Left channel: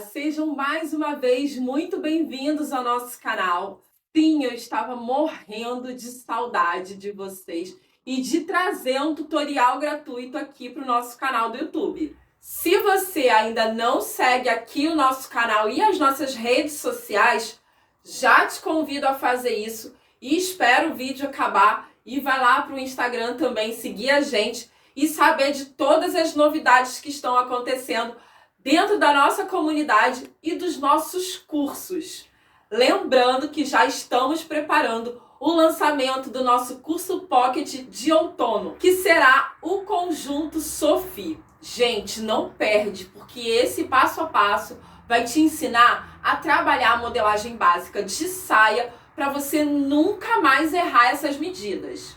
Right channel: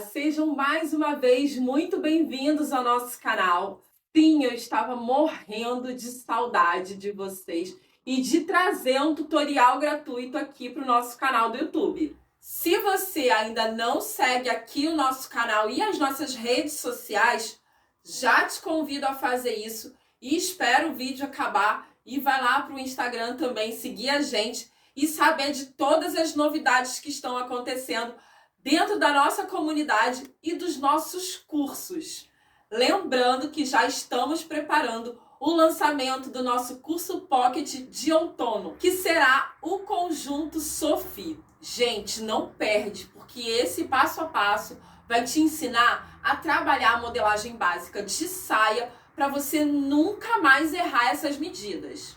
Sejam mais uma vez muito bem-vindos ao nosso canal. Sim, eu estava morrendo de saudade de vocês e de trazer um tutorial gratuito aqui para o nosso canal do YouTube. Se você ainda não segue aqui o nosso canal e as nossas redes sociais, já te convido a fazer isso e espero o vídeo acabar e vai lá para o Instagram também seguir a gente e saber de todas as novidades que estão acontecendo dentro da nossa comunidade e dos nossos cursos. Lembrando que já estamos preparando o lançamento do nosso curso Pocket de outono, que será o conjunto Sophie. Gente, não perde, porque esse passo a passo vai te ensinar a trabalhar a modelagem básica de saia para você nunca mais errar essas medidas.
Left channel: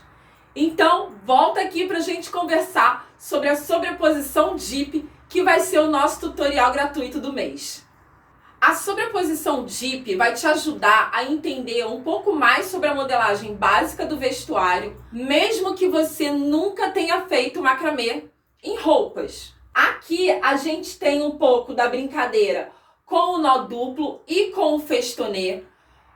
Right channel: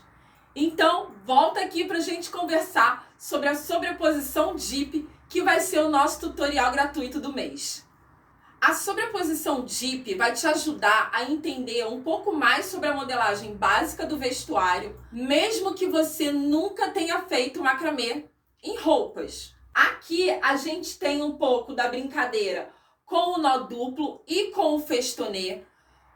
Então, volta aqui para a gente conversar sobre a sobreposição DIP, que vai ser o nosso tutorial gratuito do mês. A sobreposição DIP vai te ajudar a entender um pouco mais sobre a modelagem básica do vestuário, mesmo que você nunca tenha feito macramê em roupas. Aqui a gente tem um pouco da brincadeira com o nó duplo e com o festonê,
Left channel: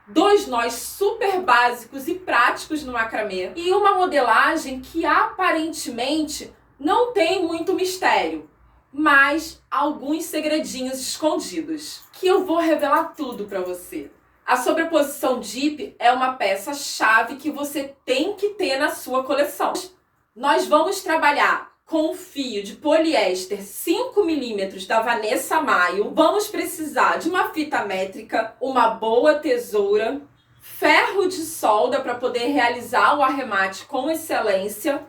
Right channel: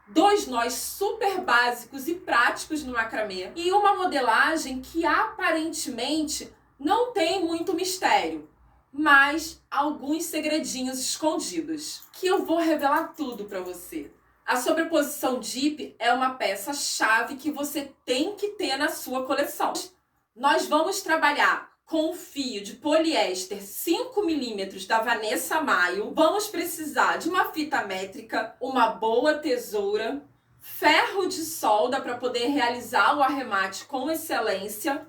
dois nós super básicos e práticos no macramê e uma modelagem que aparentemente não tem muito mistério, mas alguns segredinhos escondidos, que eu vou revelar tudo para você. A sobreposição DIP é uma peça-chave que você tem que ter na sua coleção. Nós vamos trabalhar com o fio de poliéster 5mm da Vanessa Maio. Vamos precisar de uma fita métrica, uma boa tesoura, ferro de solda para poder realizar o arremate com excelência.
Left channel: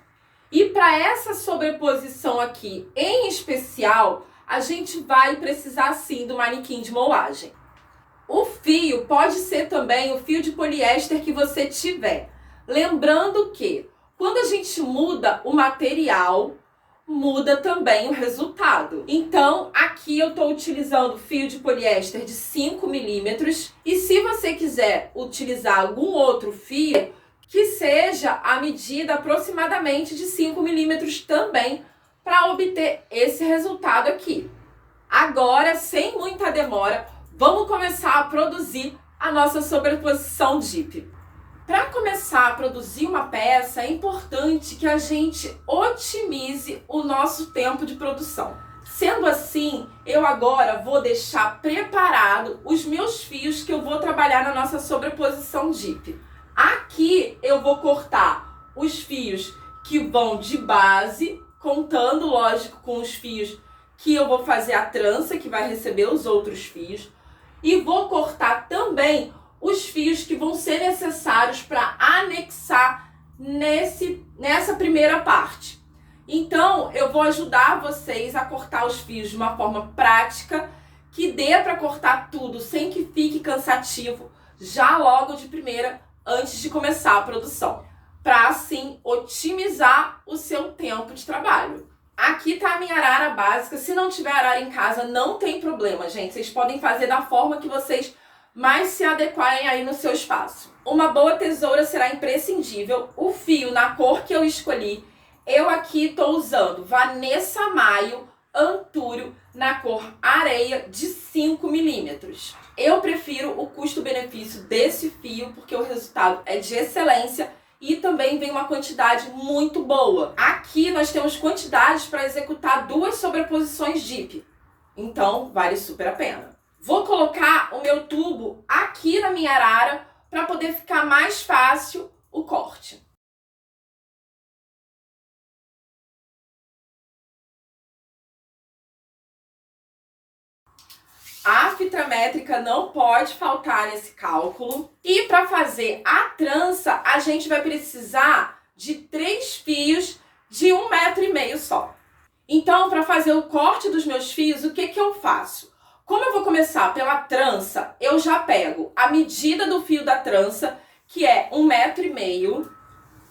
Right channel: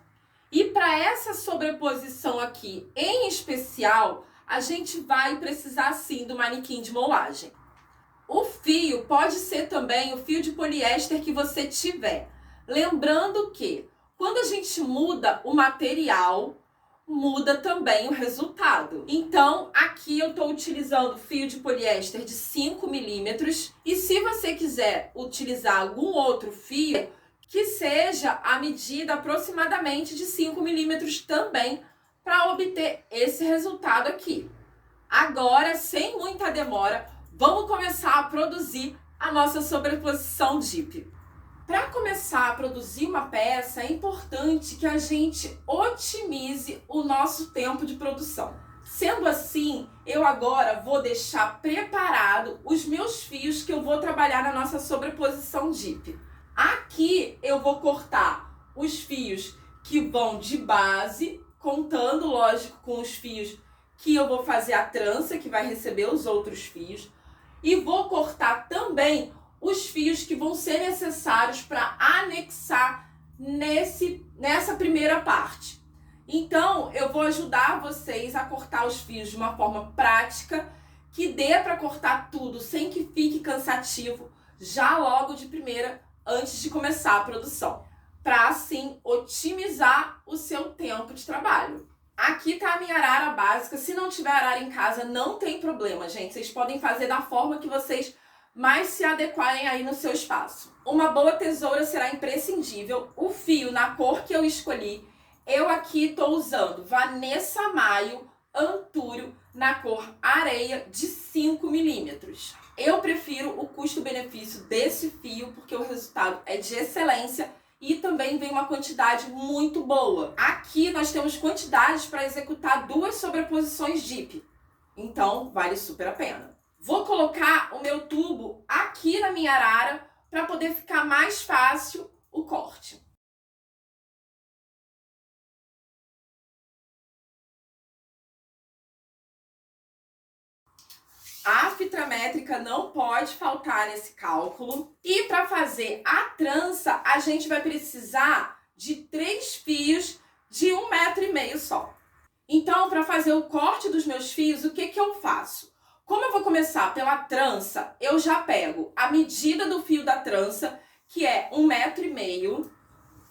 E para essa sobreposição aqui, em especial, a gente vai precisar sim do manequim de moagem. O fio pode ser também o fio de poliéster que você tiver. Lembrando que quando a gente muda o material, muda também o resultado. Então, aqui eu estou utilizando fio de poliéster de 5mm. E se você quiser utilizar algum outro fio, que seja a medida aproximadamente de 5mm também, para obter esse resultado aqui. Agora, sem muita demora, vamos começar a produzir a nossa sobreposição DIP. Para começar a produzir uma peça, é importante que a gente otimize o nosso tempo de produção. Sendo assim, eu agora vou deixar preparado os meus fios que eu vou trabalhar na nossa sobreposição DIP. Aqui eu vou cortar os fios que vão de base, contando, lógico, com os fios que eu vou fazer a trança, que vai receber os outros fios. E vou cortar também os fios que vão ser necessários para anexar nessa primeira parte. Então, eu vou ajudar vocês a cortar os fios de uma forma prática, que dê para cortar tudo sem que fique cansativo, já logo de primeira, antes de começar a produção, para assim otimizar o seu tempo de trabalho. Aqui tá a minha arara básica. Se não tiver arara em casa, não tem problema, gente. Vocês podem fazer da forma que vocês mais se adequarem aí no seu espaço. Uma boa tesoura será imprescindível. O fio na cor que eu escolhi, eu aqui estou usando Vanessa Maio Antúrio na cor areia de 5mm. Eu prefiro o custo-benefício desse fio porque o resultado é de excelência e também vem uma quantidade muito boa. Aqui nós temos quantidades para executar 2 sobreposições DIP, então vale super a pena. Vou colocar o meu tubo aqui na minha arara para poder ficar mais fácil o corte. A fita métrica não pode faltar nesse cálculo. E para fazer a trança, a gente vai precisar de 3 fios de 1,5 m só. Então, para fazer o corte dos meus fios, o que eu faço? Como eu vou começar pela trança, eu já pego a medida do fio da trança, que é 1,5 m.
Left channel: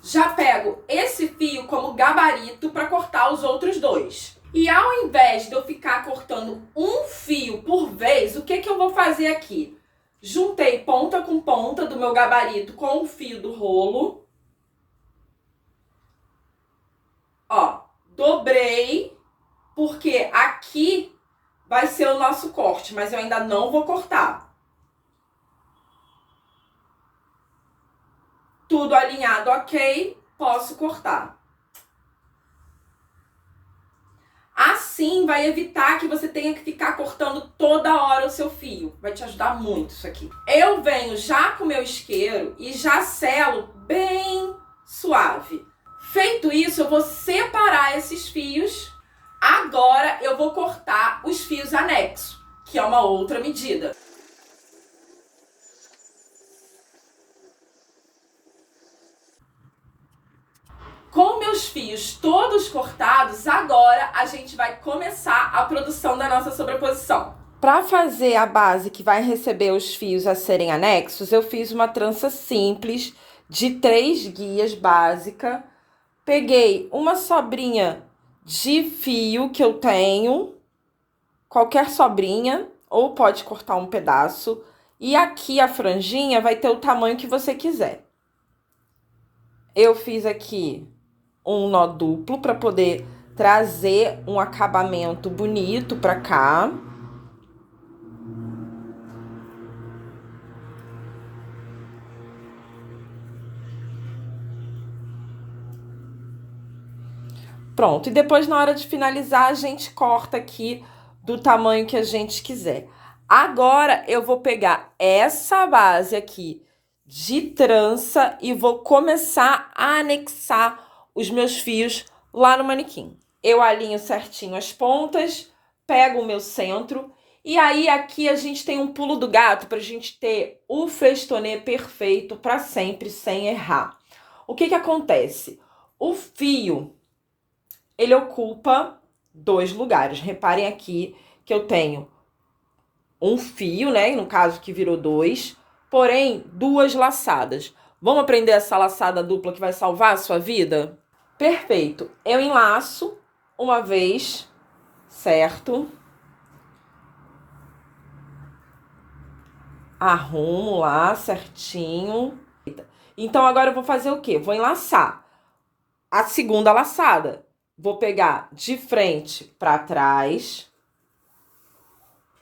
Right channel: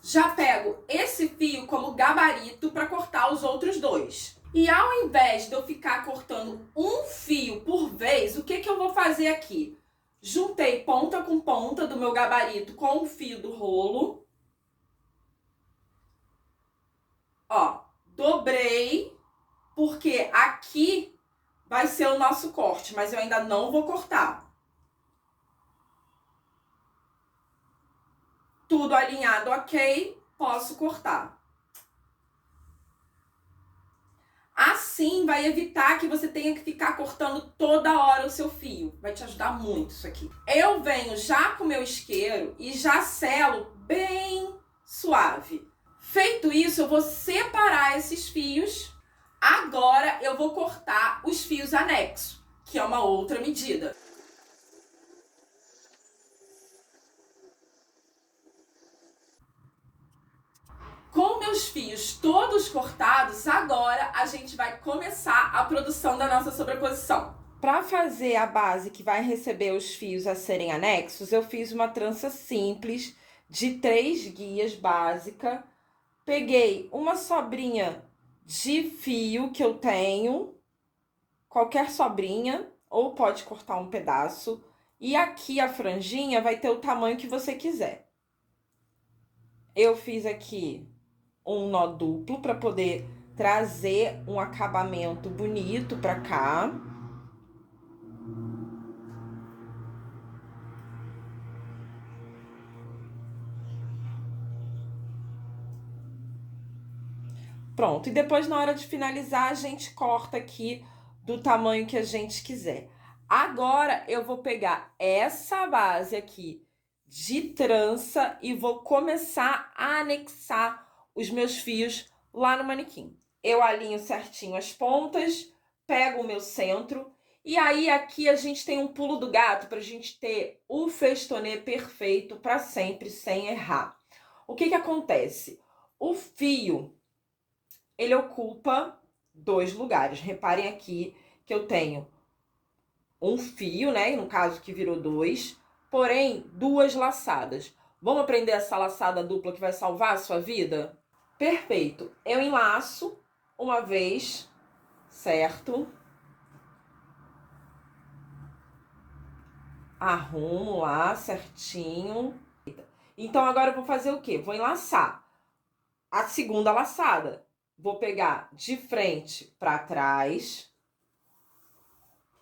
Já pego esse fio como gabarito para cortar os outros 2. E ao invés de eu ficar cortando um fio por vez, o que eu vou fazer aqui? Juntei ponta com ponta do meu gabarito com o fio do rolo. Ó, dobrei, porque aqui vai ser o nosso corte, mas eu ainda não vou cortar. Tudo alinhado, ok, posso cortar. Assim vai evitar que você tenha que ficar cortando toda hora o seu fio. Vai te ajudar muito isso aqui. Eu venho já com o meu isqueiro e já selo bem suave. Feito isso, eu vou separar esses fios. Agora eu vou cortar os fios anexos, que é uma outra medida. Com meus fios todos cortados, agora a gente vai começar a produção da nossa sobreposição. Para fazer a base que vai receber os fios a serem anexos, eu fiz uma trança simples de 3 guias básica. Peguei uma sobrinha de fio que eu tenho, qualquer sobrinha, ou pode cortar um pedaço. E aqui a franjinha vai ter o tamanho que você quiser. Eu fiz aqui um nó duplo para poder trazer um acabamento bonito para cá. Pronto, e depois na hora de finalizar a gente corta aqui do tamanho que a gente quiser. Agora eu vou pegar essa base aqui de trança e vou começar a anexar os meus fios lá no manequim. Eu alinho certinho as pontas, pego o meu centro e aí aqui a gente tem um pulo do gato para a gente ter o festonê perfeito para sempre, sem errar. O que acontece? O fio, ele ocupa 2 lugares. Reparem aqui que eu tenho um fio, né? No caso que virou 2, porém 2 laçadas. Vamos aprender essa laçada dupla que vai salvar a sua vida? Perfeito. Eu enlaço uma vez, certo? Arrumo lá certinho. Então agora eu vou fazer o quê? Vou enlaçar a segunda laçada. Vou pegar de frente para trás,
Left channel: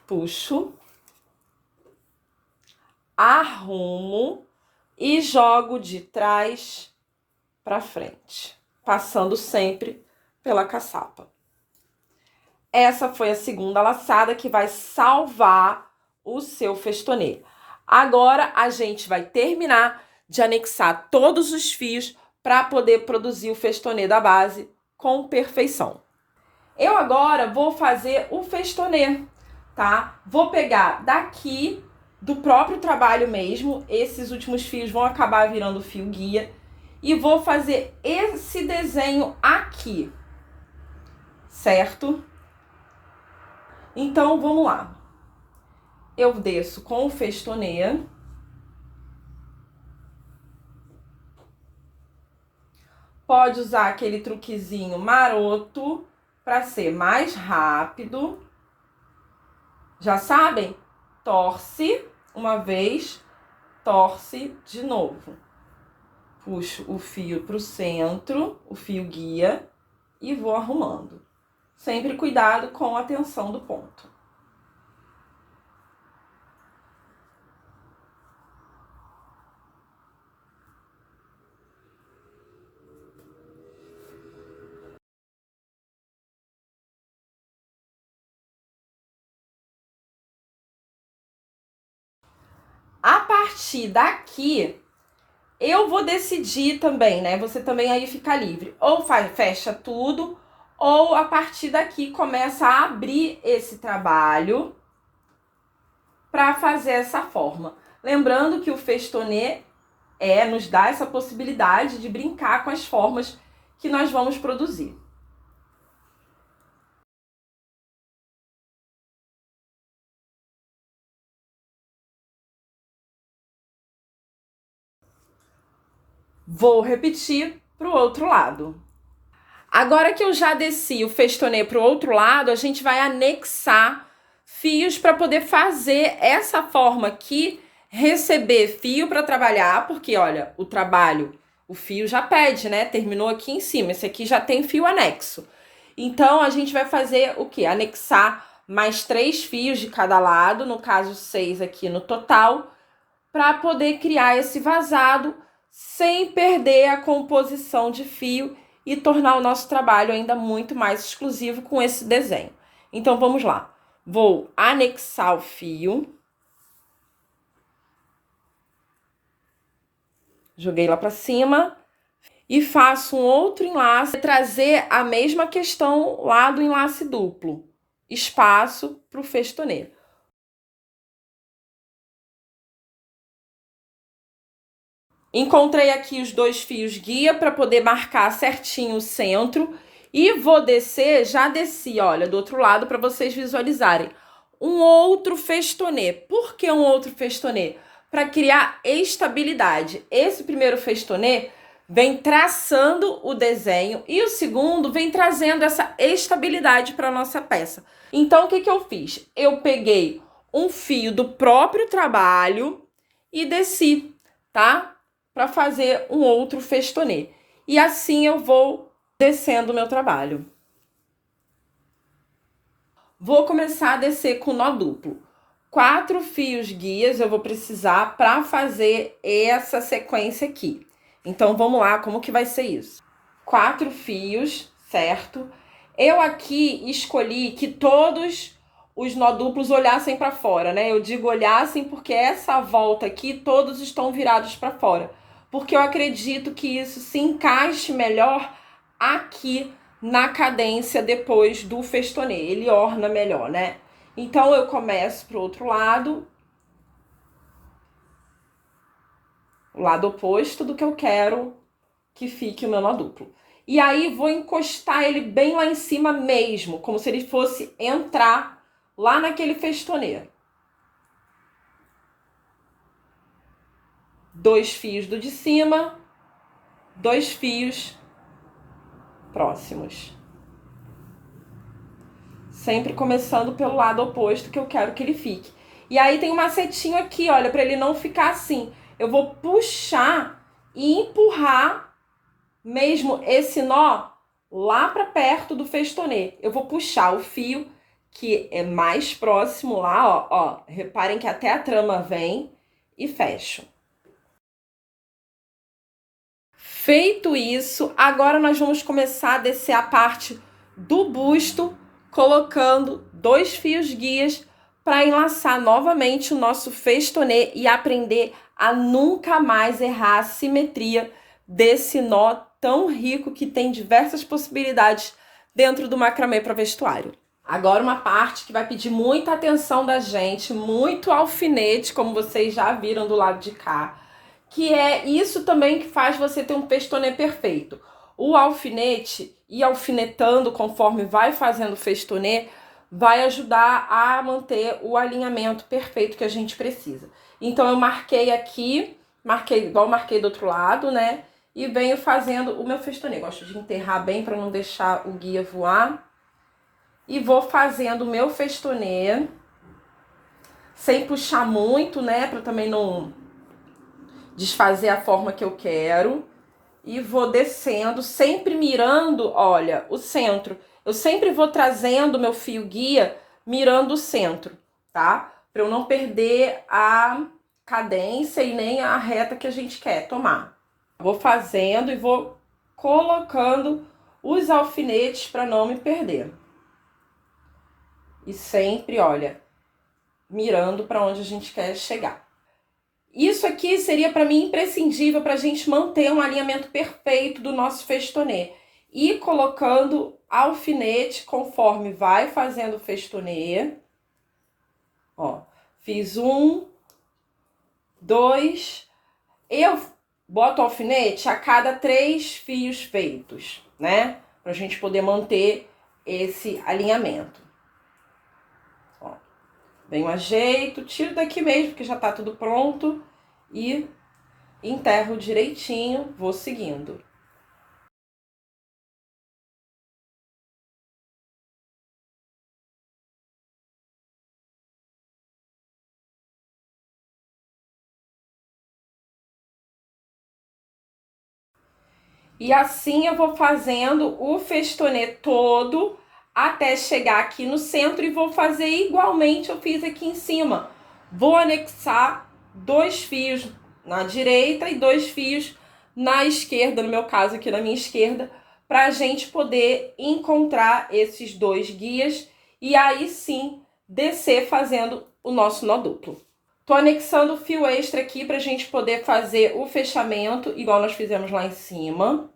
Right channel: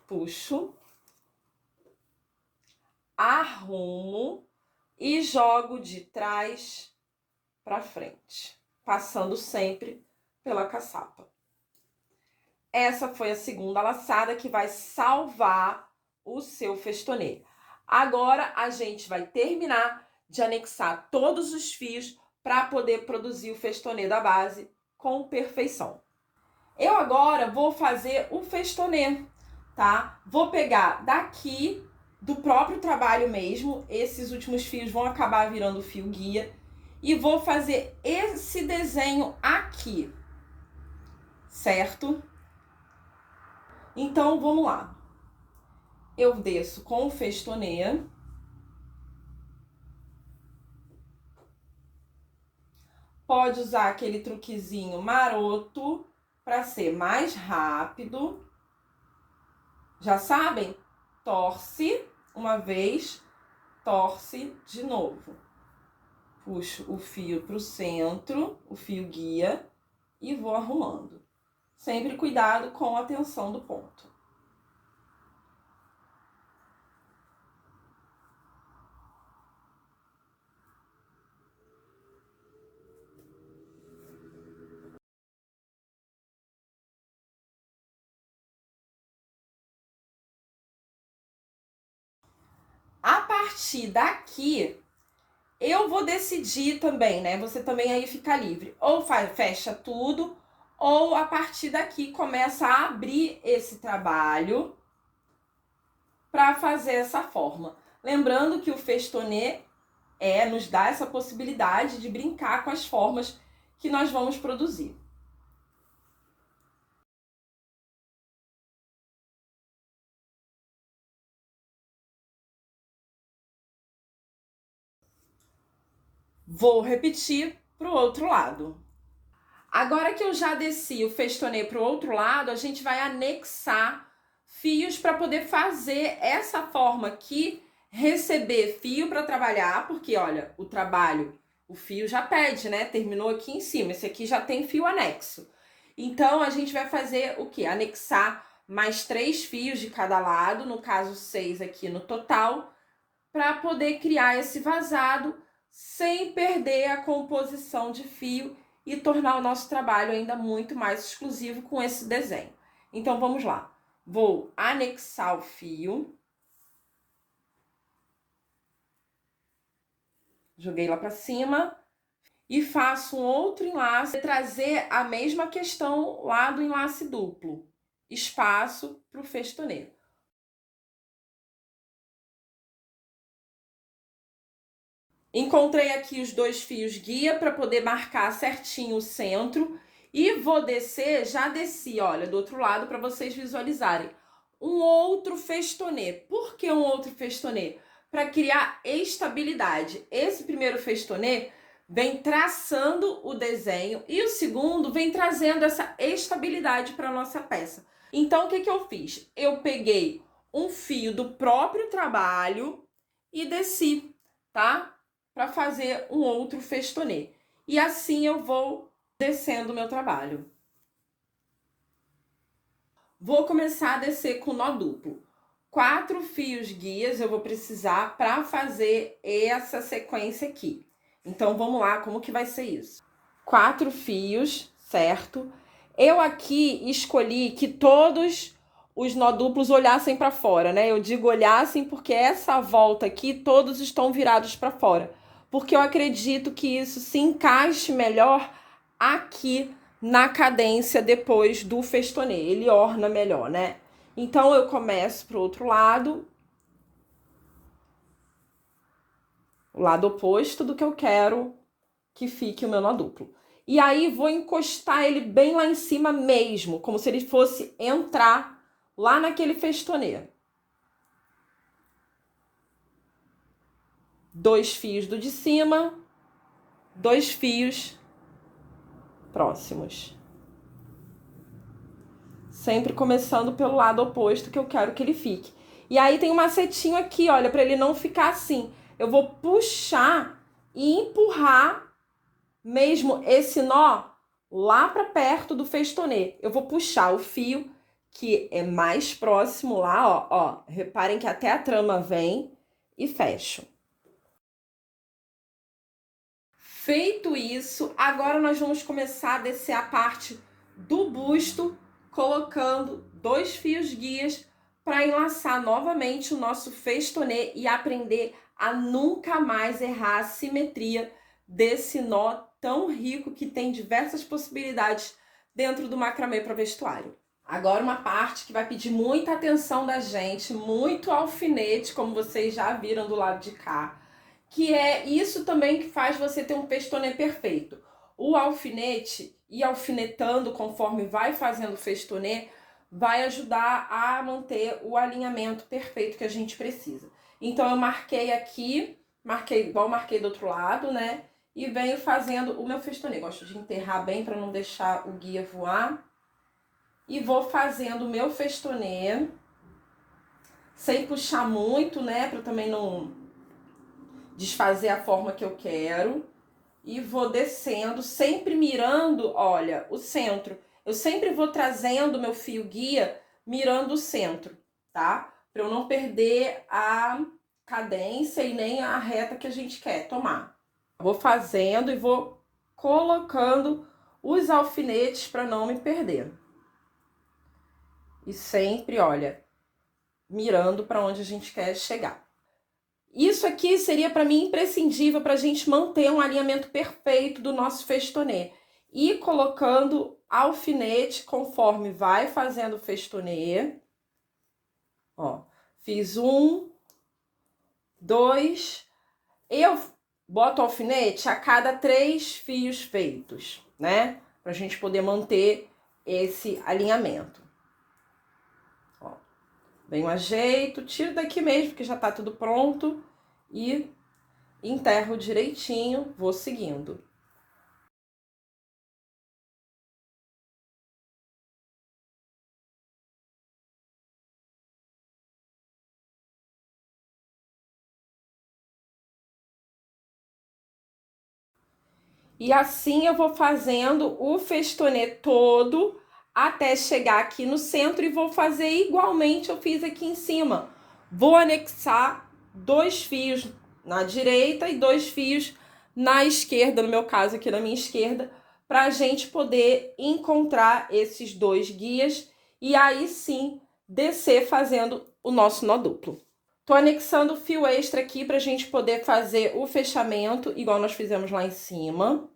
puxo, arrumo e jogo de trás para frente, passando sempre pela caçapa. Essa foi a segunda laçada que vai salvar o seu festonê. Agora a gente vai terminar de anexar todos os fios para poder produzir o festonê da base com perfeição. Eu agora vou fazer o festonê, tá? Vou pegar daqui do próprio trabalho mesmo, esses últimos fios vão acabar virando fio guia, e vou fazer esse desenho aqui, certo? Então, vamos lá. Eu desço com o festonê. Pode usar aquele truquezinho maroto para ser mais rápido. Já sabem? Torce uma vez, torce de novo. Puxo o fio para o centro, o fio guia, e vou arrumando. Sempre cuidado com a tensão do ponto. A partir daqui, eu vou decidir também, né? Você também aí fica livre. Ou fecha tudo, ou a partir daqui começa a abrir esse trabalho para fazer essa forma. Lembrando que o festonê nos dá essa possibilidade de brincar com as formas que nós vamos produzir. Vou repetir para o outro lado. Agora que eu já desci o festonê para o outro lado, a gente vai anexar fios para poder fazer essa forma aqui, receber fio para trabalhar, porque olha, o trabalho, o fio já pede, né? Terminou aqui em cima, esse aqui já tem fio anexo. Então, a gente vai fazer o quê? Anexar mais 3 fios de cada lado, no caso 6 aqui no total, para poder criar esse vazado sem perder a composição de fio e tornar o nosso trabalho ainda muito mais exclusivo com esse desenho. Então, vamos lá. Vou anexar o fio. Joguei lá para cima. E faço um outro enlace, trazer a mesma questão lá do enlace duplo. Espaço para o festonê. Encontrei aqui os 2 fios guia para poder marcar certinho o centro. E vou descer, já desci, olha, do outro lado para vocês visualizarem. Um outro festonê. Por que um outro festonê? Para criar estabilidade. Esse primeiro festonê vem traçando o desenho e o segundo vem trazendo essa estabilidade para a nossa peça. Então, o que eu fiz? Eu peguei um fio do próprio trabalho e desci, tá? Para fazer um outro festonê. E assim eu vou descendo o meu trabalho. Vou começar a descer com nó duplo. 4 fios guias eu vou precisar para fazer essa sequência aqui. Então, vamos lá, como que vai ser isso? 4 fios, certo? Eu aqui escolhi que todos os nó duplos olhassem para fora, né? Eu digo olhassem porque essa volta aqui, todos estão virados para fora. Porque eu acredito que isso se encaixe melhor aqui na cadência depois do festonê. Ele orna melhor, né? Então, eu começo pro outro lado. O lado oposto do que eu quero que fique o meu nó duplo. E aí, vou encostar ele bem lá em cima mesmo, como se ele fosse entrar lá naquele festonê. 2 fios do de cima, 2 fios próximos. Sempre começando pelo lado oposto que eu quero que ele fique. E aí tem um macetinho aqui, olha, para ele não ficar assim. Eu vou puxar e empurrar mesmo esse nó lá para perto do festonê. Eu vou puxar o fio que é mais próximo lá, ó. Reparem que até a trama vem e fecho. Feito isso, agora nós vamos começar a descer a parte do busto, colocando 2 fios guias para enlaçar novamente o nosso festonê e aprender a nunca mais errar a simetria desse nó tão rico que tem diversas possibilidades dentro do macramê para vestuário. Agora uma parte que vai pedir muita atenção da gente, muito alfinete, como vocês já viram do lado de cá, que é isso também que faz você ter um festonê perfeito. O alfinete, e alfinetando conforme vai fazendo o festonê, vai ajudar a manter o alinhamento perfeito que a gente precisa. Então, eu marquei aqui, marquei igual marquei do outro lado, né? E venho fazendo o meu festonê. Gosto de enterrar bem para não deixar o guia voar. E vou fazendo o meu festonê, sem puxar muito, né? Para também não desfazer a forma que eu quero. E vou descendo, sempre mirando, olha, o centro. Eu sempre vou trazendo meu fio guia mirando o centro, tá? Para eu não perder a cadência e nem a reta que a gente quer tomar. Vou fazendo e vou colocando os alfinetes para não me perder. E sempre, olha, mirando para onde a gente quer chegar. Isso aqui seria para mim imprescindível para a gente manter um alinhamento perfeito do nosso festonê. E colocando alfinete conforme vai fazendo o festonê. Ó, fiz 1, 2. Eu boto alfinete a cada 3 fios feitos, né? Pra gente poder manter esse alinhamento. Ó, venho ajeito, tiro daqui mesmo, porque já tá tudo pronto. E enterro direitinho, vou seguindo. E assim eu vou fazendo o festonê todo até chegar aqui no centro e vou fazer igualmente eu fiz aqui em cima. Vou anexar 2 fios na direita e 2 fios na esquerda, no meu caso aqui na minha esquerda, para a gente poder encontrar esses 2 guias e aí sim descer fazendo o nosso nó duplo. Tô anexando o fio extra aqui para a gente poder fazer o fechamento, igual nós fizemos lá em cima.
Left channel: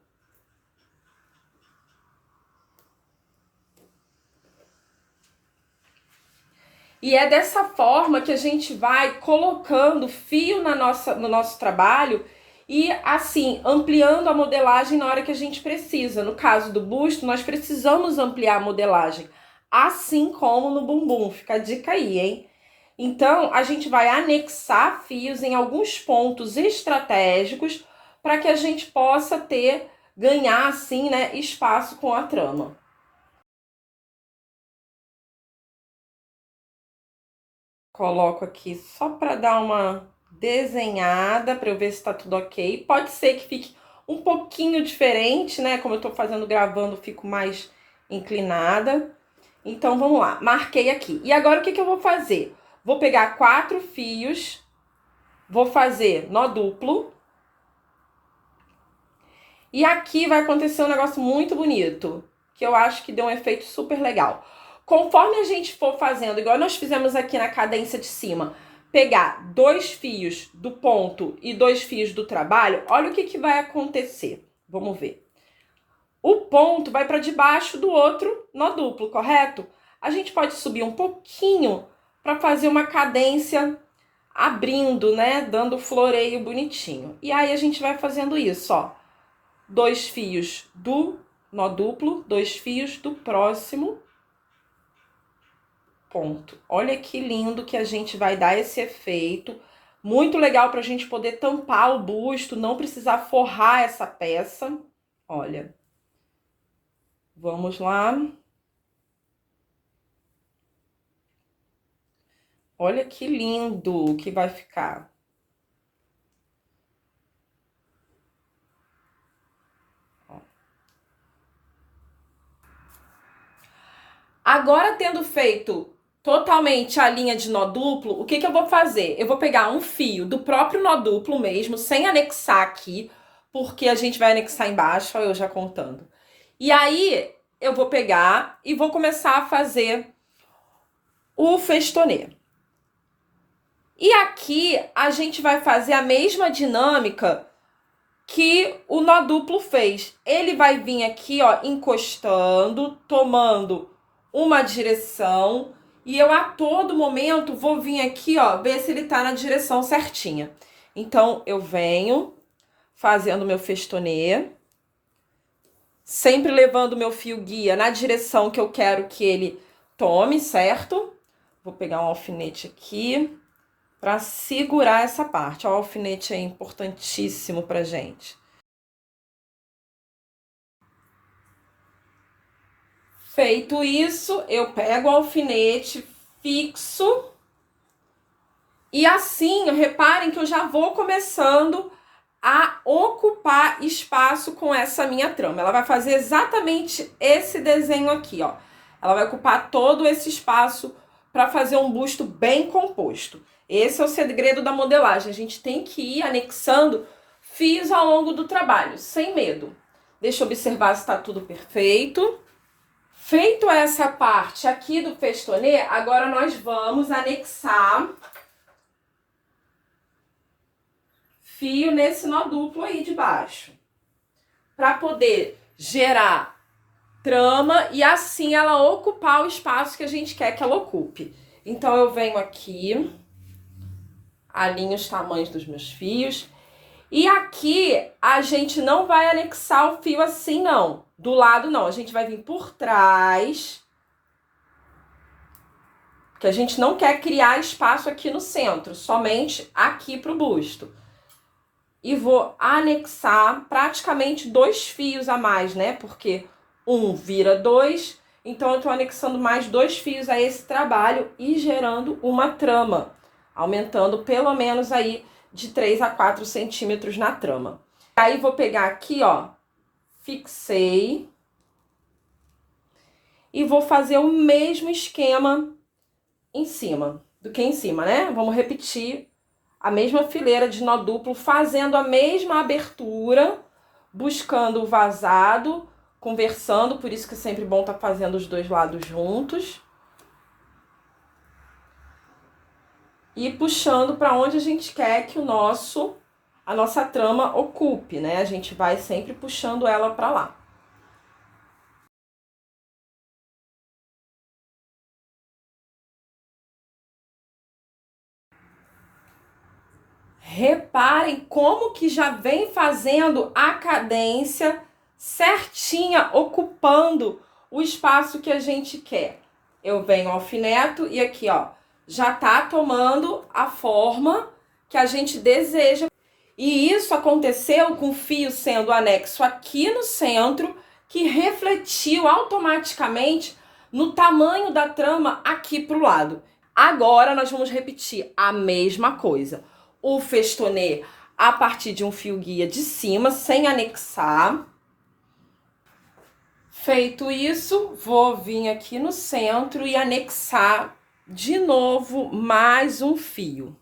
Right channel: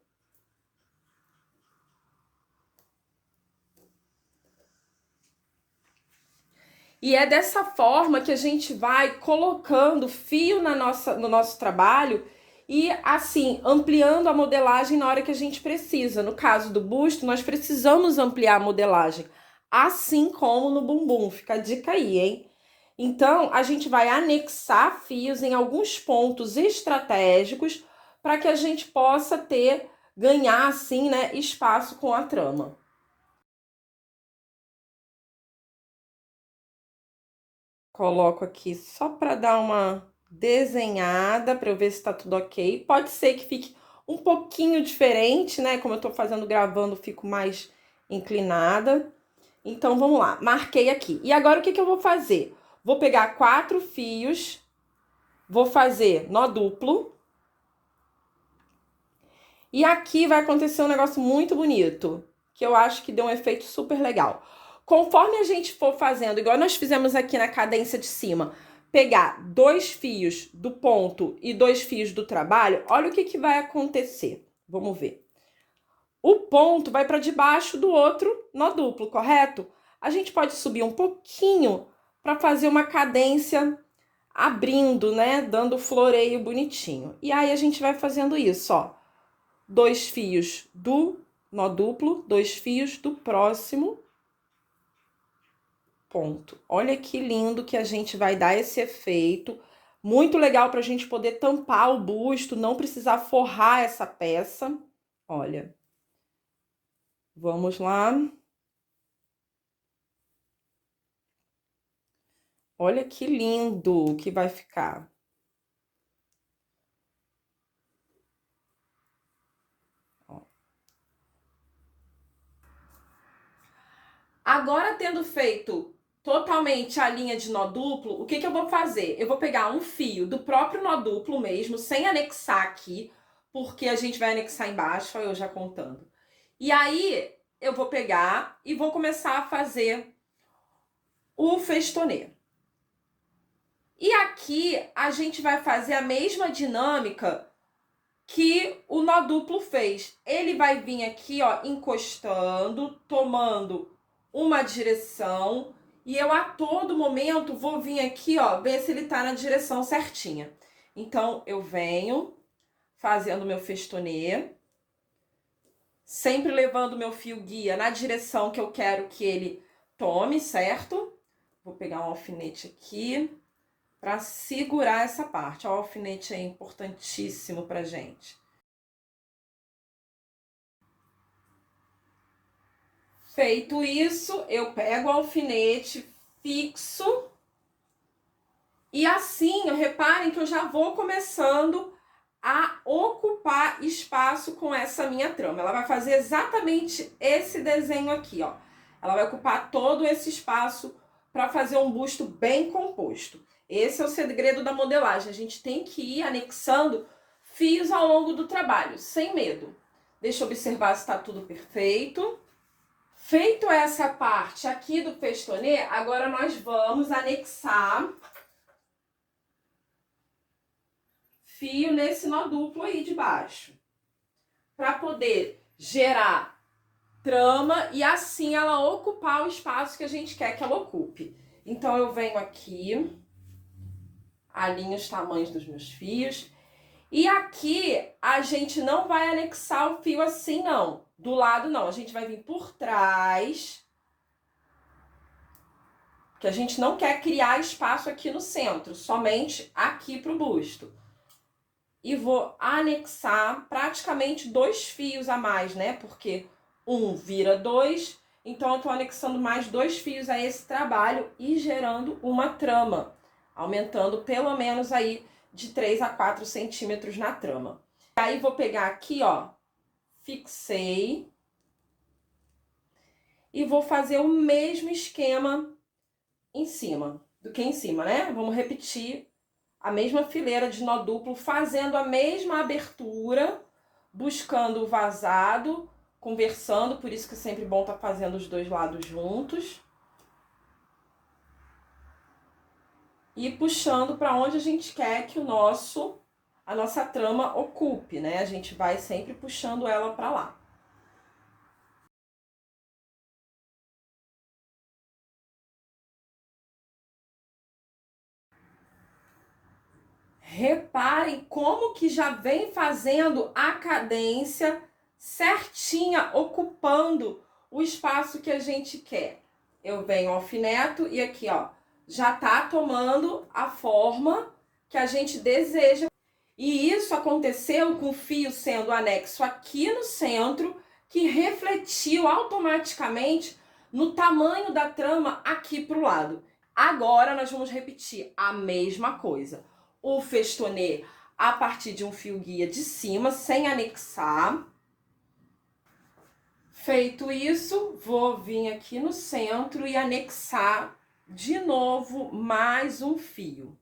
E é dessa forma que a gente vai colocando fio no nosso trabalho e, assim, ampliando a modelagem na hora que a gente precisa. No caso do busto, nós precisamos ampliar a modelagem, assim como no bumbum. Fica a dica aí, hein? Então, a gente vai anexar fios em alguns pontos estratégicos para que a gente possa ganhar, assim, né, espaço com a trama. Coloco aqui só para dar uma desenhada, para eu ver se tá tudo ok. Pode ser que fique um pouquinho diferente, né? Como eu tô fazendo gravando, fico mais inclinada. Então, vamos lá. Marquei aqui. E agora, o que eu vou fazer? Vou pegar 4 fios, vou fazer nó duplo. E aqui vai acontecer um negócio muito bonito, que eu acho que deu um efeito super legal. Conforme a gente for fazendo, igual nós fizemos aqui na cadência de cima, pegar 2 fios do ponto e 2 fios do trabalho, olha o que vai acontecer. Vamos ver. O ponto vai para debaixo do outro nó duplo, correto? A gente pode subir um pouquinho para fazer uma cadência abrindo, né? Dando floreio bonitinho. E aí a gente vai fazendo isso, ó. 2 fios do nó duplo, 2 fios do próximo ponto. Olha que lindo que a gente vai dar esse efeito. Muito legal para a gente poder tampar o busto, não precisar forrar essa peça. Olha. Vamos lá. Olha que lindo que vai ficar. Agora, tendo feito totalmente a linha de nó duplo, o que eu vou fazer? Eu vou pegar um fio do próprio nó duplo mesmo, sem anexar aqui, porque a gente vai anexar embaixo, ó, eu já contando. E aí, eu vou pegar e vou começar a fazer o festonê. E aqui, a gente vai fazer a mesma dinâmica que o nó duplo fez. Ele vai vir aqui, ó, encostando, tomando uma direção, e eu a todo momento vou vir aqui, ó, ver se ele tá na direção certinha. Então, eu venho fazendo meu festonê, sempre levando meu fio guia na direção que eu quero que ele tome, certo? Vou pegar um alfinete aqui para segurar essa parte. Ó, o alfinete é importantíssimo pra gente. Feito isso, eu pego o alfinete, fixo. E assim, reparem que eu já vou começando a ocupar espaço com essa minha trama. Ela vai fazer exatamente esse desenho aqui, ó. Ela vai ocupar todo esse espaço para fazer um busto bem composto. Esse é o segredo da modelagem. A gente tem que ir anexando fios ao longo do trabalho, sem medo. Deixa eu observar se está tudo perfeito. Feito essa parte aqui do festonê, agora nós vamos anexar fio nesse nó duplo aí de baixo, para poder gerar trama e assim ela ocupar o espaço que a gente quer que ela ocupe. Então, eu venho aqui, alinho os tamanhos dos meus fios, e aqui a gente não vai anexar o fio assim, não. Do lado, não. A gente vai vir por trás, porque a gente não quer criar espaço aqui no centro, somente aqui pro busto. E vou anexar praticamente 2 fios a mais, né? Porque um vira 2, então eu tô anexando mais 2 fios a esse trabalho e gerando uma trama, aumentando pelo menos aí de 3 a 4 centímetros na trama. Aí vou pegar aqui, ó, fixei. e vou fazer o mesmo esquema em cima, né? Vamos repetir a mesma fileira de nó duplo, fazendo a mesma abertura, buscando o vazado, conversando, por isso que é sempre bom estar fazendo os dois lados juntos. E puxando para onde a gente quer que a nossa trama ocupe, né? A gente vai sempre puxando ela para lá. Reparem como que já vem fazendo a cadência certinha, ocupando o espaço que a gente quer. Eu venho alfineto e aqui, ó, já tá tomando a forma que a gente deseja. E isso aconteceu com o fio sendo anexo aqui no centro, que refletiu automaticamente no tamanho da trama aqui pro lado. Agora nós vamos repetir a mesma coisa. O festonê a partir de um fio guia de cima, sem anexar. Feito isso, vou vir aqui no centro e anexar de novo mais um fio.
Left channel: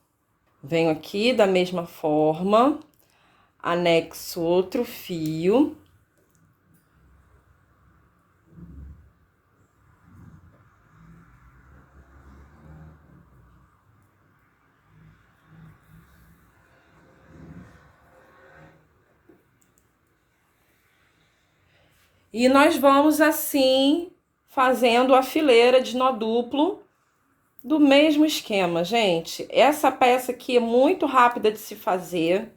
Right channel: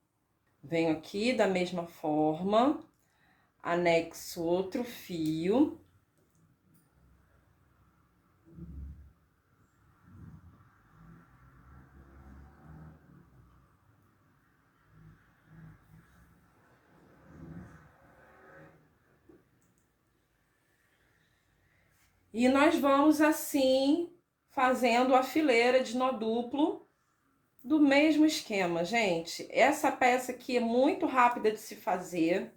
Venho aqui da mesma forma, anexo outro fio. E nós vamos assim fazendo a fileira de nó duplo do mesmo esquema, gente. Essa peça aqui é muito rápida de se fazer.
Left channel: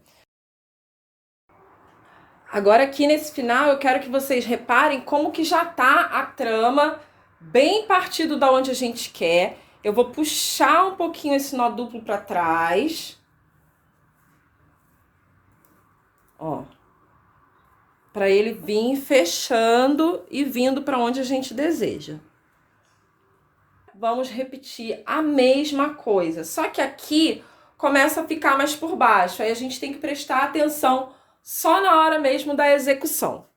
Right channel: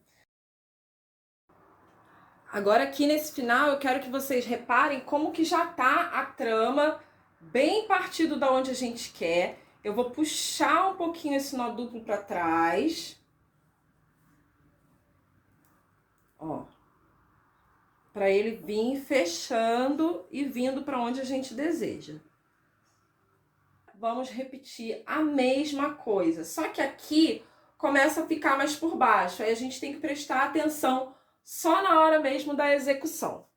Agora aqui nesse final eu quero que vocês reparem como que já tá a trama bem partido da onde a gente quer. Eu vou puxar um pouquinho esse nó duplo para trás. Ó. Para ele vir fechando e vindo para onde a gente deseja. Vamos repetir a mesma coisa, só que aqui começa a ficar mais por baixo, aí a gente tem que prestar atenção só na hora mesmo da execução.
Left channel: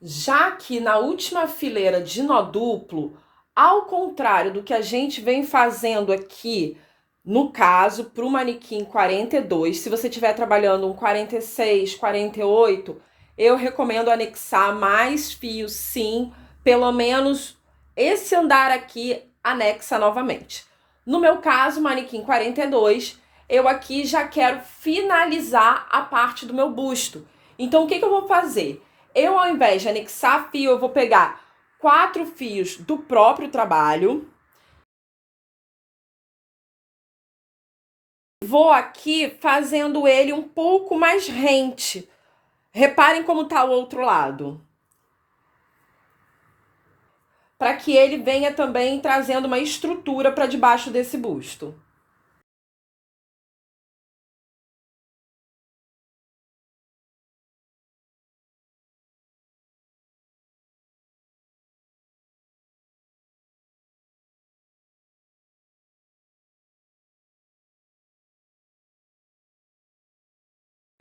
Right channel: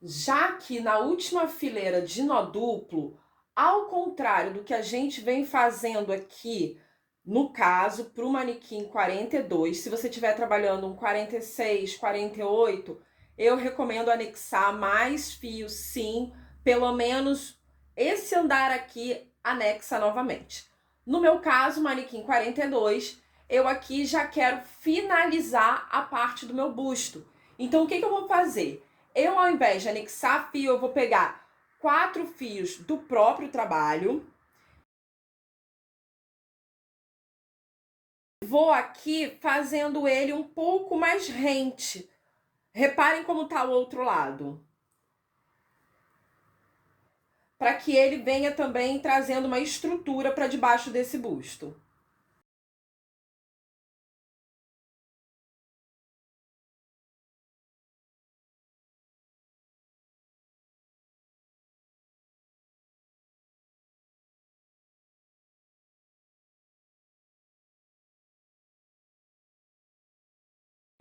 Já que na última fileira de nó duplo, ao contrário do que a gente vem fazendo aqui, no caso, para o manequim 42, se você estiver trabalhando um 46, 48, eu recomendo anexar mais fios, sim, pelo menos esse andar aqui anexa novamente. No meu caso, manequim 42, eu aqui já quero finalizar a parte do meu busto. Então, o que eu vou fazer? Eu, ao invés de anexar fio, eu vou pegar 4 fios do próprio trabalho. Vou aqui fazendo ele um pouco mais rente. Reparem como tá o outro lado. Para que ele venha também trazendo uma estrutura para debaixo desse busto.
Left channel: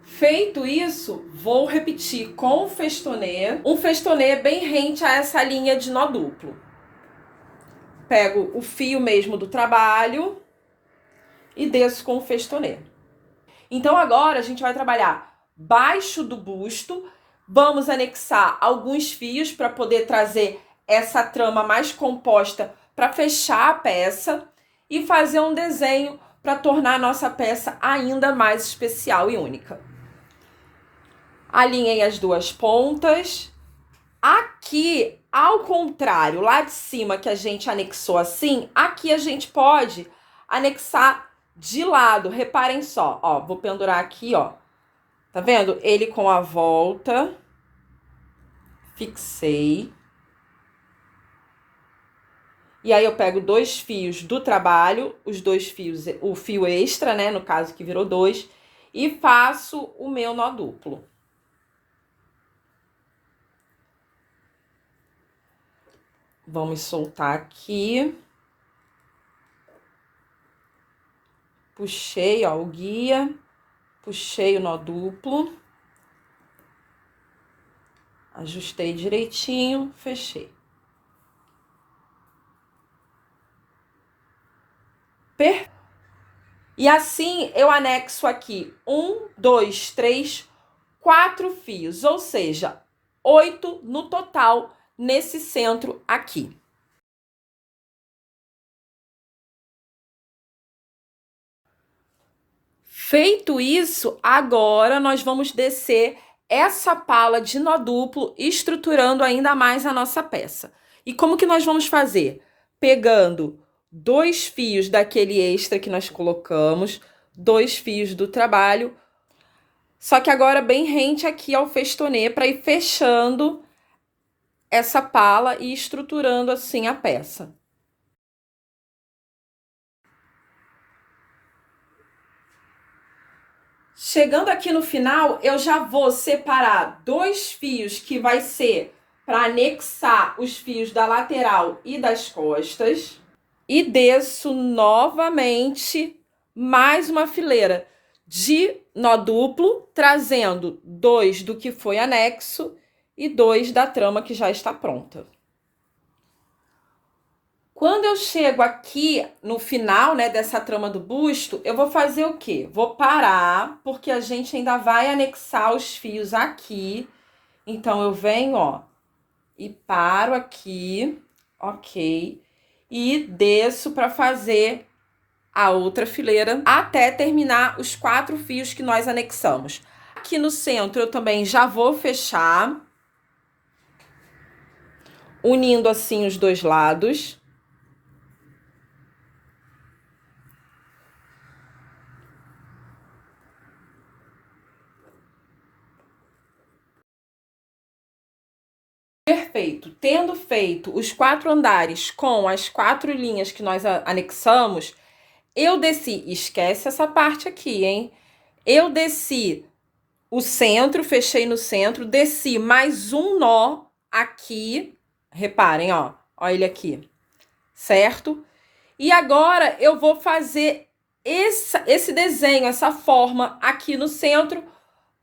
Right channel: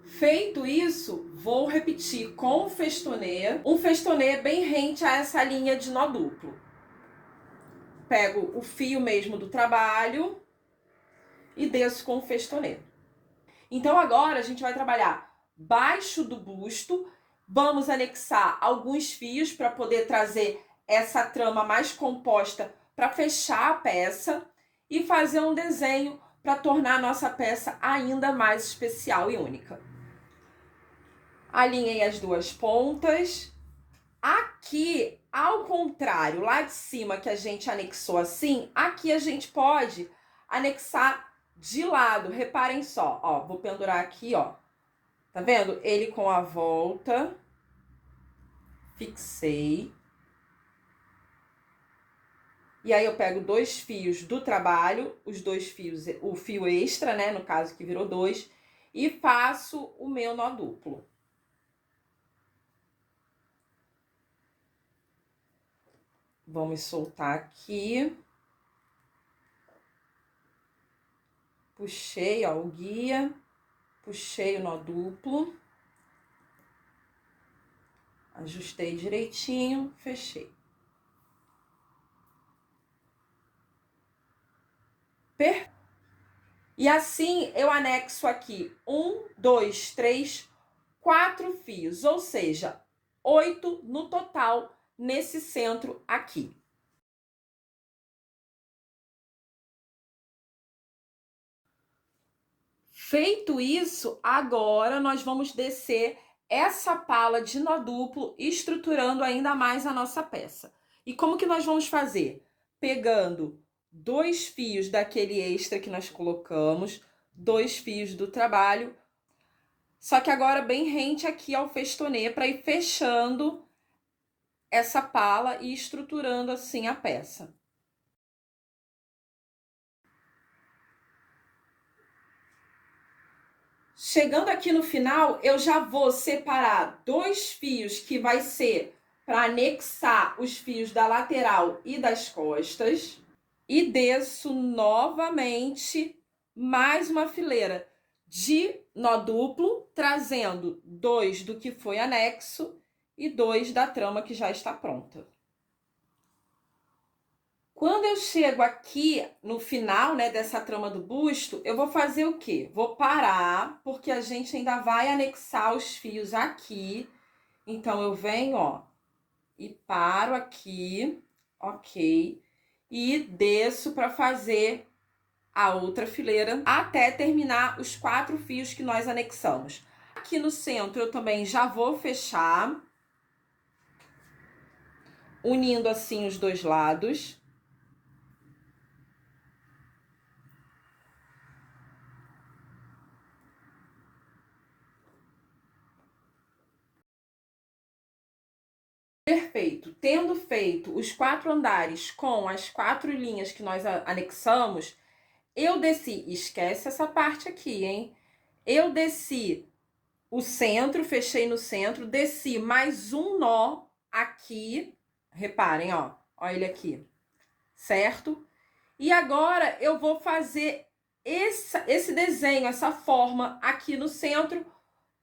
Feito isso, vou repetir com o festonê, um festonê bem rente a essa linha de nó duplo. Pego o fio mesmo do trabalho e desço com o festonê. Então agora a gente vai trabalhar baixo do busto, vamos anexar alguns fios para poder trazer essa trama mais composta para fechar a peça e fazer um desenho para tornar a nossa peça ainda mais especial e única. Alinhei as duas pontas. Aqui, ao contrário, lá de cima que a gente anexou assim, aqui a gente pode anexar de lado. Reparem só, ó, vou pendurar aqui, ó. Tá vendo? Ele com a volta. Fixei. E aí eu pego 2 fios do trabalho, os 2 fios, o fio extra, né, no caso que virou 2, e faço o meu nó duplo. Vamos soltar aqui. Puxei, ó, o guia, puxei o nó duplo. Ajustei direitinho, fechei. E assim eu anexo aqui 1, 2, 3, 4 fios, ou seja, 8 no total nesse centro aqui. Feito isso, agora nós vamos descer essa pala de nó duplo, estruturando ainda mais a nossa peça. E como que nós vamos fazer? Pegando 2 fios daquele extra que nós colocamos, 2 fios do trabalho, só que agora bem rente aqui ao festonê para ir fechando essa pala e estruturando assim a peça. Chegando aqui no final, eu já vou separar 2 fios que vai ser para anexar os fios da lateral e das costas. E desço novamente mais uma fileira de nó duplo, trazendo 2 do que foi anexo e 2 da trama que já está pronta. Quando eu chego aqui no final, né, dessa trama do busto, eu vou fazer o quê? Vou parar, porque a gente ainda vai anexar os fios aqui. Então, eu venho, ó, e paro aqui, ok, e desço para fazer a outra fileira até terminar os 4 fios que nós anexamos. Aqui no centro, eu também já vou fechar, unindo assim os dois lados. Perfeito. Tendo feito os 4 andares com as 4 linhas que nós anexamos, eu desci, esquece essa parte aqui, hein? Eu desci o centro, fechei no centro, desci mais um nó aqui, reparem, ó ele aqui, certo? E agora eu vou fazer esse desenho, essa forma aqui no centro,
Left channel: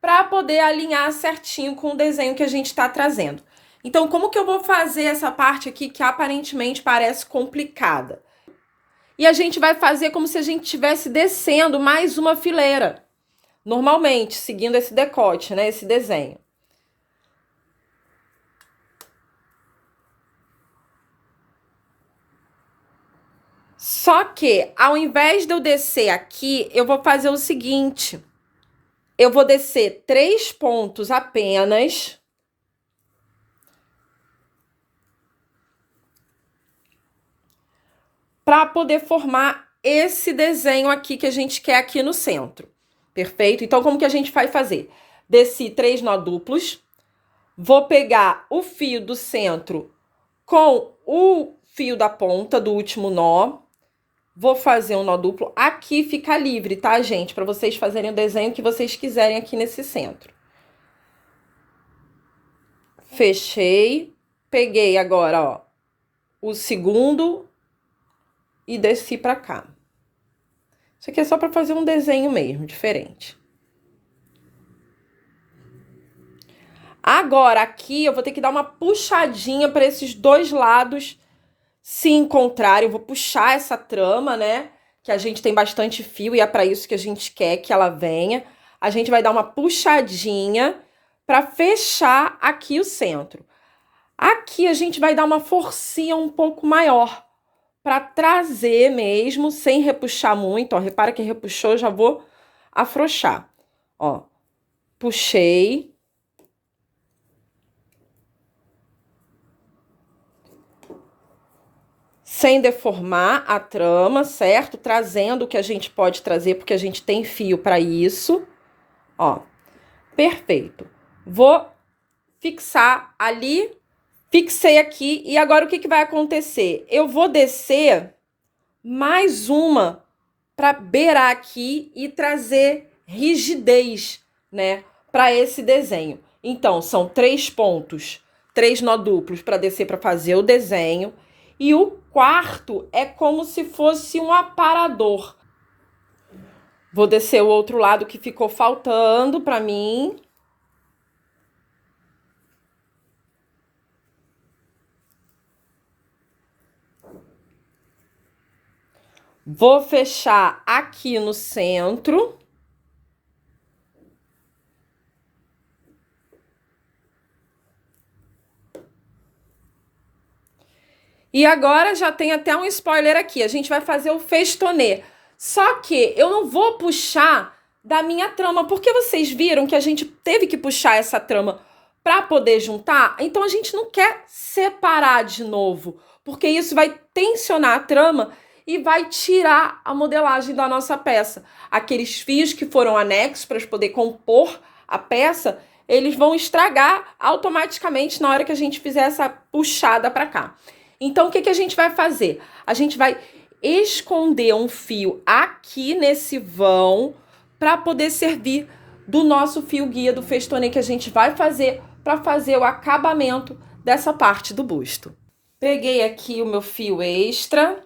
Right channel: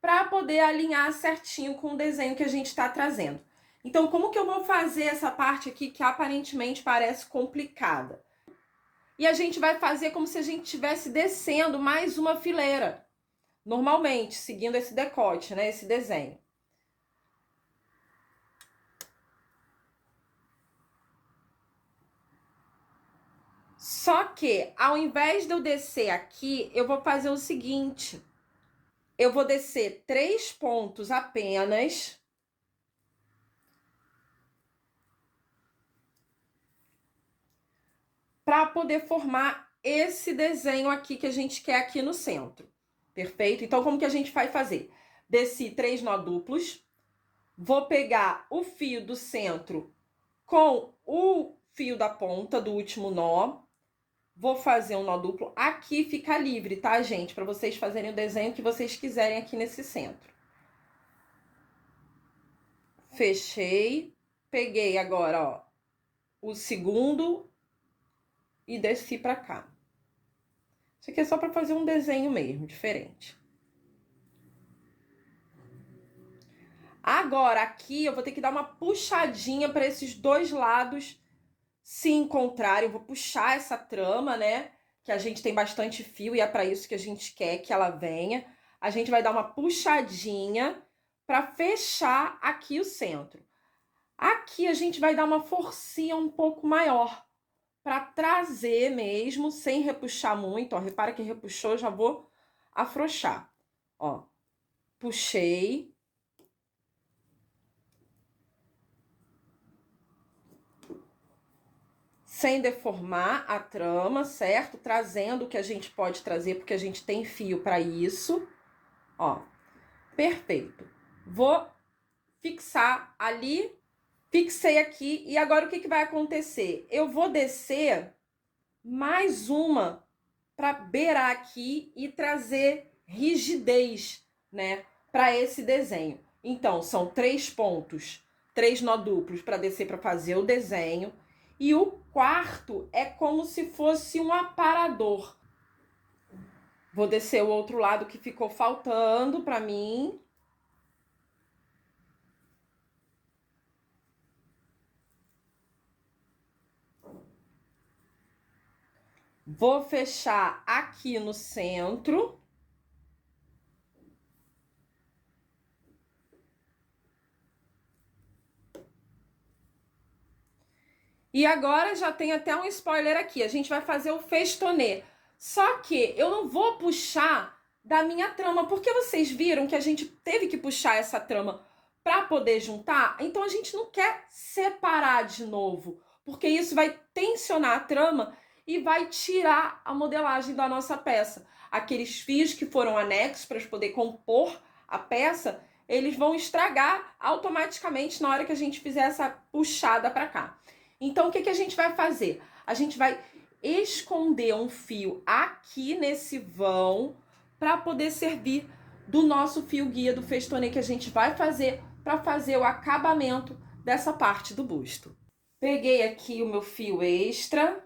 para poder alinhar certinho com o desenho que a gente está trazendo. Então, como que eu vou fazer essa parte aqui que aparentemente parece complicada? E a gente vai fazer como se a gente estivesse descendo mais uma fileira, normalmente, seguindo esse decote, né? Esse desenho. Só que, ao invés de eu descer aqui, eu vou fazer o seguinte. Eu vou descer 3 pontos apenas. Para poder formar esse desenho aqui que a gente quer aqui no centro. Perfeito? Então, como que a gente vai fazer? Desci 3 nó duplos. Vou pegar o fio do centro com o fio da ponta do último nó. Vou fazer um nó duplo. Aqui fica livre, tá, gente? Para vocês fazerem o desenho que vocês quiserem aqui nesse centro. Fechei. Peguei agora, ó, o segundo e desci para cá. Isso aqui é só para fazer um desenho mesmo, diferente. Agora, aqui, eu vou ter que dar uma puxadinha para esses dois lados se encontrarem. Eu vou puxar essa trama, né? Que a gente tem bastante fio e é para isso que a gente quer que ela venha. A gente vai dar uma puxadinha para fechar aqui o centro. Aqui a gente vai dar uma forcinha um pouco maior para trazer mesmo, sem repuxar muito. Ó, repara que repuxou, já vou afrouxar. Ó, puxei. Sem deformar a trama, certo? Trazendo o que a gente pode trazer, porque a gente tem fio para isso. Ó, perfeito. Vou fixar ali, fixei aqui, e agora o que vai acontecer? Eu vou descer mais uma para beirar aqui e trazer rigidez, né, para esse desenho. Então, são 3 pontos, 3 nó duplos para descer para fazer o desenho. E o quarto é como se fosse um aparador. Vou descer o outro lado que ficou faltando para mim. Vou fechar aqui no centro. E agora já tem até um spoiler aqui. A gente vai fazer o festonê. Só que eu não vou puxar da minha trama, porque vocês viram que a gente teve que puxar essa trama para poder juntar. Então a gente não quer separar de novo, porque isso vai tensionar a trama e vai tirar a modelagem da nossa peça. Aqueles fios que foram anexos para poder compor a peça, eles vão estragar automaticamente na hora que a gente fizer essa puxada para cá. Então, o que a gente vai fazer? A gente vai esconder um fio aqui nesse vão para poder servir do nosso fio guia do festonê que a gente vai fazer para fazer o acabamento dessa parte do busto. Peguei aqui o meu fio extra.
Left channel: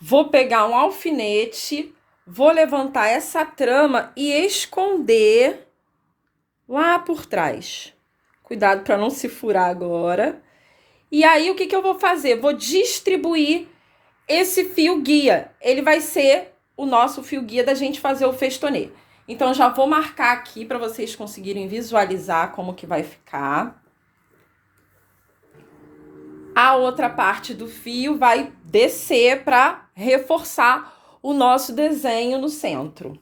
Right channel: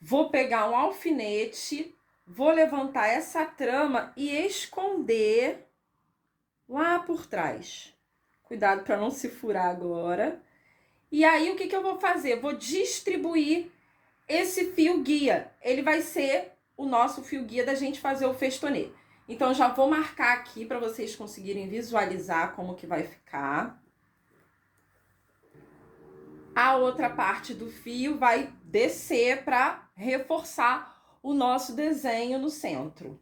Vou pegar um alfinete, vou levantar essa trama e esconder lá por trás. Cuidado para não se furar agora. E aí, o que eu vou fazer? Vou distribuir esse fio guia. Ele vai ser o nosso fio guia da gente fazer o festonê. Então, já vou marcar aqui para vocês conseguirem visualizar como que vai ficar. A outra parte do fio vai descer para reforçar o nosso desenho no centro.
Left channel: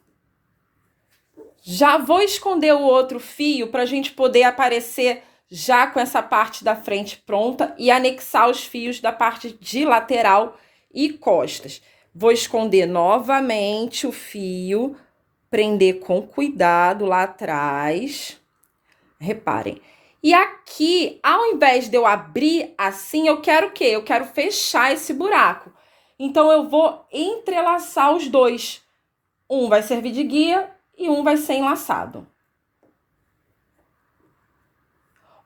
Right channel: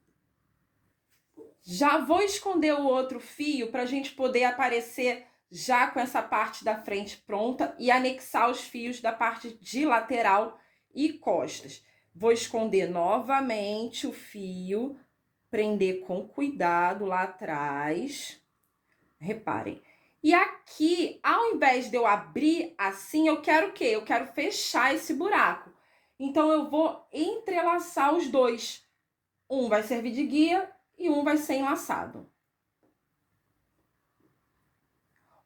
Já vou esconder o outro fio para a gente poder aparecer já com essa parte da frente pronta e anexar os fios da parte de lateral e costas. Vou esconder novamente o fio, prender com cuidado lá atrás. Reparem. E aqui, ao invés de eu abrir assim, eu quero o quê? Eu quero fechar esse buraco. Então, eu vou entrelaçar os dois. Um vai servir de guia e um vai ser enlaçado.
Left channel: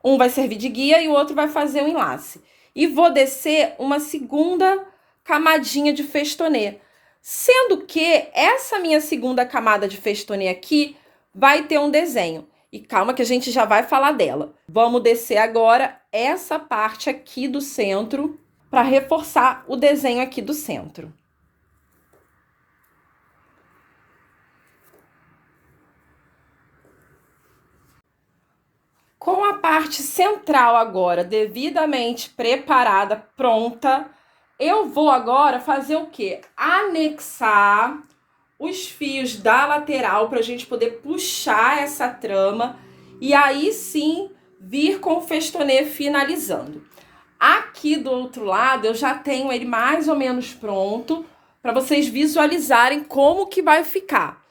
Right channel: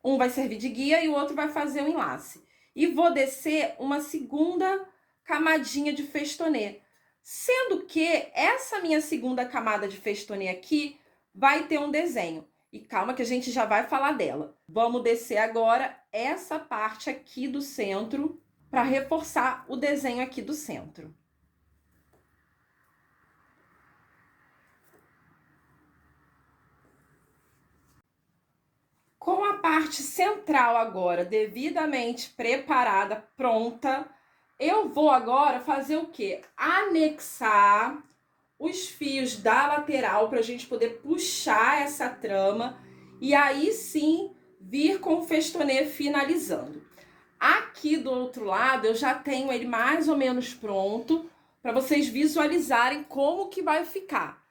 Um vai servir de guia e o outro vai fazer o enlace. E vou descer uma segunda camadinha de festonê. Sendo que essa minha segunda camada de festonê aqui vai ter um desenho. E calma que a gente já vai falar dela. Vamos descer agora essa parte aqui do centro para reforçar o desenho aqui do centro. Com a parte central agora devidamente preparada, pronta, eu vou agora fazer o quê? Anexar os fios da lateral para a gente poder puxar essa trama e aí sim vir com o festonê finalizando. Aqui do outro lado eu já tenho ele mais ou menos pronto para vocês visualizarem como que vai ficar.